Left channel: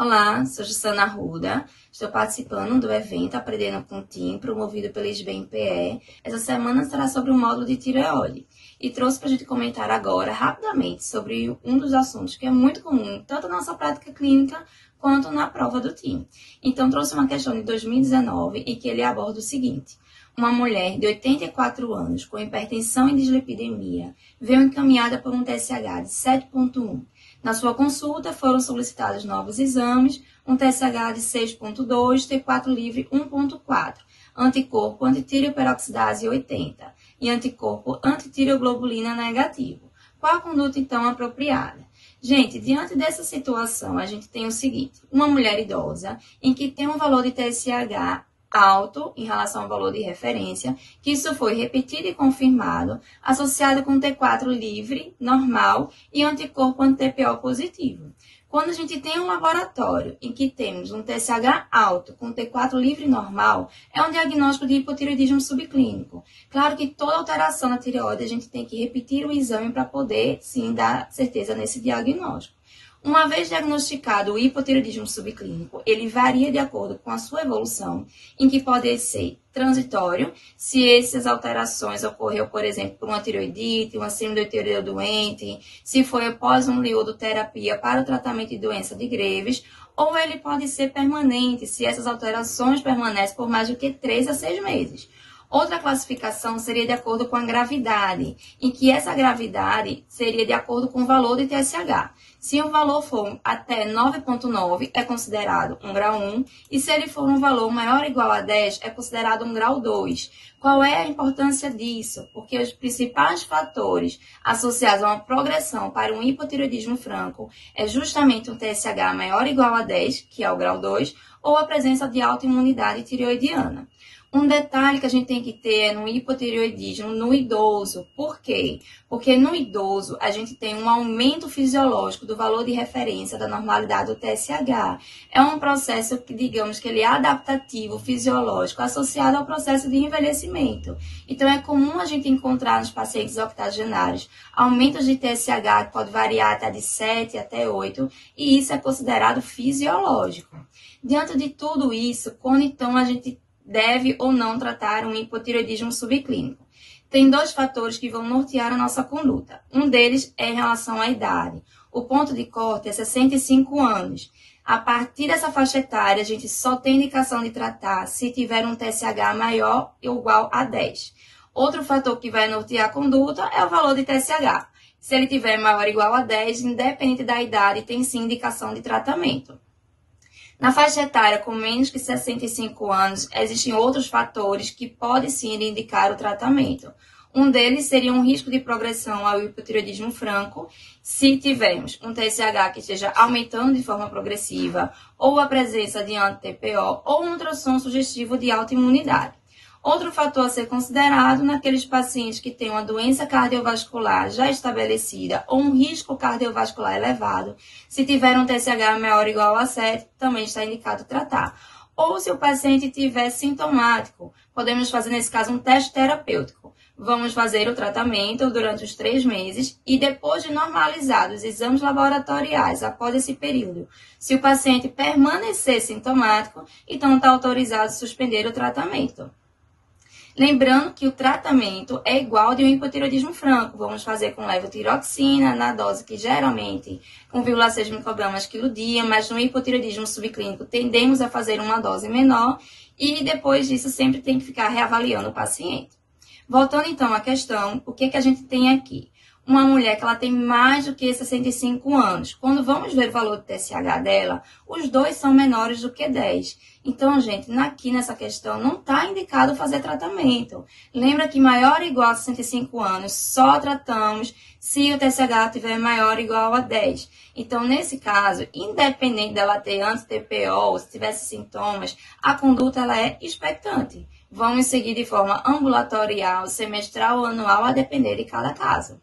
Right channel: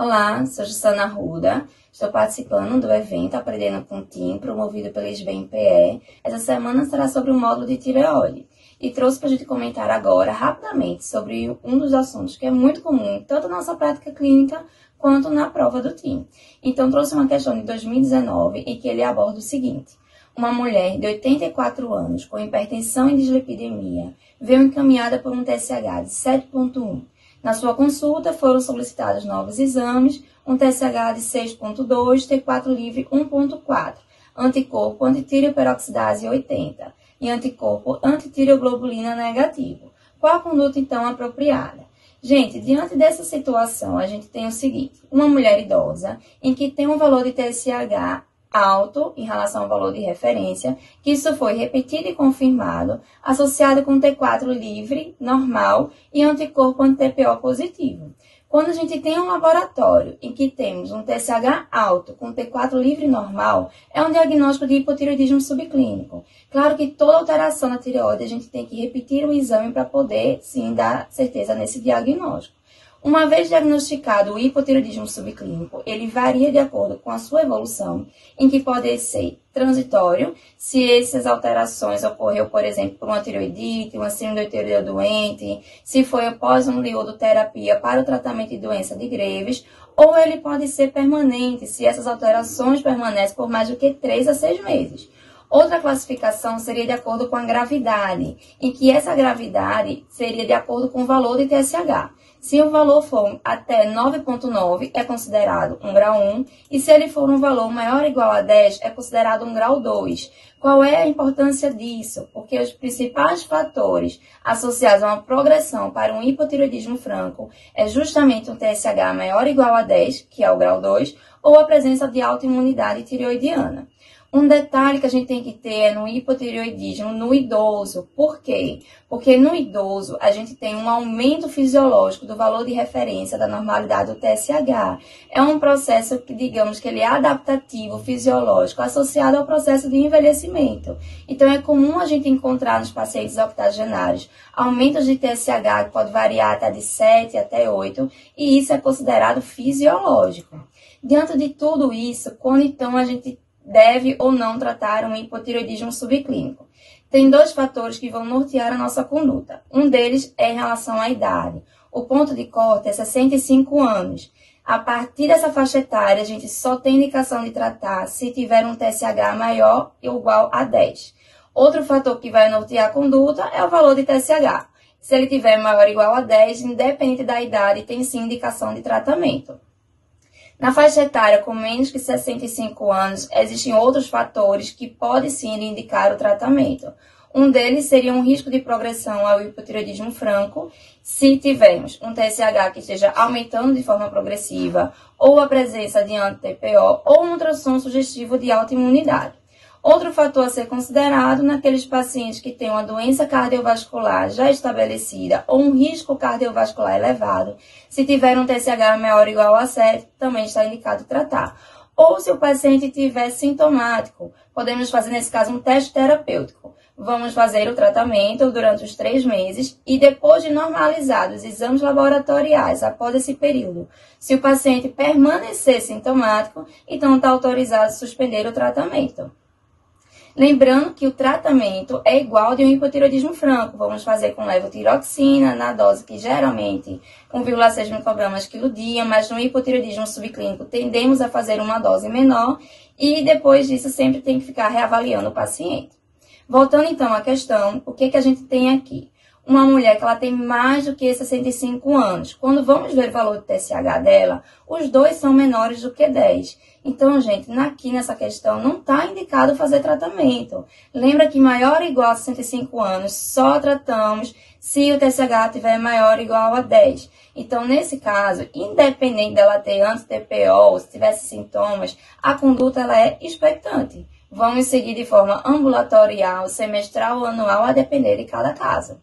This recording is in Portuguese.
Olá, sou Jussana Arruda, estou participando do evento Aprendendo com TIM, promovido pela SBMPE. Essa semana será sobre o módulo de tireoide e trouxe para a gente comentar agora, rapidamente, sobre um dos assuntos que é muito comum, tanto na nossa prática clínica quanto na prova do TIM. Então, trouxe uma questão de 2019 em que ele aborda o seguinte. Uma mulher de 84 anos com hipertensão e dislipidemia veio encaminhada por um TSH de 7,1. Na sua consulta, foram solicitados novos exames, um TSH de 6,2, T4 livre 1,4, anticorpo antitiriperoxidase 80 e anticorpo antitireoglobulina negativo. Qual a conduta, então, apropriada? Gente, diante dessa situação, a gente tem o seguinte, uma mulher idosa em que tem um valor de TSH alto em relação ao valor de referência, que isso foi repetido e confirmado, associado com T4 livre, normal e anticorpo anti-TPO positivo. Quando a gente tem um laboratório em que temos um TSH alto com T4 livre normal, é um diagnóstico de hipotireoidismo subclínico. Claro que toda alteração na tireoide a gente tem que repetir o exame para poder, sim, dar certeza nesse diagnóstico. Uma vez diagnosticado o hipotireoidismo subclínico, ele varia de acordo com a sua evolução, em que pode ser transitório, se essas alterações ocorreu, por exemplo, por uma tireoidite, uma semidotireoide doente, se foi após uma iodoterapia para o tratamento de doença de Graves, ou ele pode ser permanente, se essas alterações permanecem por mais do que 3 a 6 meses. Outra classificação seria de acordo com a gravidade, em que essa gravidade seria de acordo com o valor de TSH. Se o valor for até 9,9, é considerado um grau 1, e se ele for um valor maior ou igual a 10, é considerado um grau 2. Qual é a importância disso? Porque os principais fatores associados a uma progressão para um hipotireoidismo franco é justamente um TSH maior ou igual a 10, que é o grau 2, ou a presença de autoimunidade tireoidiana. Um detalhe que a gente tem que ter é no hipotireoidismo no idoso. Por quê? Porque no idoso a gente tem um aumento fisiológico do valor de referência da normalidade do TSH. É um processo que, digamos que ele é adaptativo, fisiológico, associado ao processo de envelhecimento. Então, é comum a gente encontrar nos pacientes octogenários aumentos de TSH que pode variar até de 7 até 8, e isso é considerado fisiológico. Diante de tudo isso, quando então a gente deve ou não tratar um hipotireoidismo subclínico? Tem 2 fatores que vão nortear a nossa conduta. Um deles é em relação à idade. O ponto de corte é 65 anos. A partir dessa faixa etária, a gente só tem indicação de tratar se tiver um TSH maior ou igual a 10. Outro fator que vai nortear a conduta é o valor de TSH. Se ele tiver maior ou igual a 10, independente da idade, tem sim indicação de tratamento. Na faixa etária com menos que 65 anos, existem outros fatores que podem sim indicar o tratamento. Um deles seria um risco de progressão ao hipotireoidismo franco, se tivermos um TSH que esteja aumentando de forma progressiva, ou a presença de anti-TPO, ou um ultrassom sugestivo de autoimunidade. Outro fator a ser considerado naqueles pacientes que têm uma doença cardiovascular já estabelecida ou um risco cardiovascular elevado, se tiver um TSH maior ou igual a 7, também está indicado tratar. Ou se o paciente estiver sintomático, podemos fazer nesse caso um teste terapêutico. Vamos fazer o tratamento durante os 3 meses e depois de normalizados os exames laboratoriais após esse período, se o paciente permanecer sintomático, então está autorizado a suspender o tratamento. Lembrando que o tratamento é igual de um hipotireoidismo franco. Vamos fazer com levotiroxina, na dose que geralmente 1,6 microgramas quilo dia, mas no hipotireoidismo subclínico tendemos a fazer uma dose menor e depois disso sempre tem que ficar reavaliando o paciente. Voltando então à questão, o que a gente tem aqui? Uma mulher que ela tem mais do que 65 anos. Quando vamos ver o valor do TSH dela, os 2 são menores do que 10. Então, gente, aqui nessa questão não está indicado fazer tratamento. Lembra que maior ou igual a 65 anos, só tratamos se o TSH estiver maior ou igual a 10. Então, nesse caso, independente dela ter anti-TPO ou se tivesse sintomas, a conduta ela é expectante. Vamos seguir de forma ambulatorial, semestral ou anual, a depender de cada caso.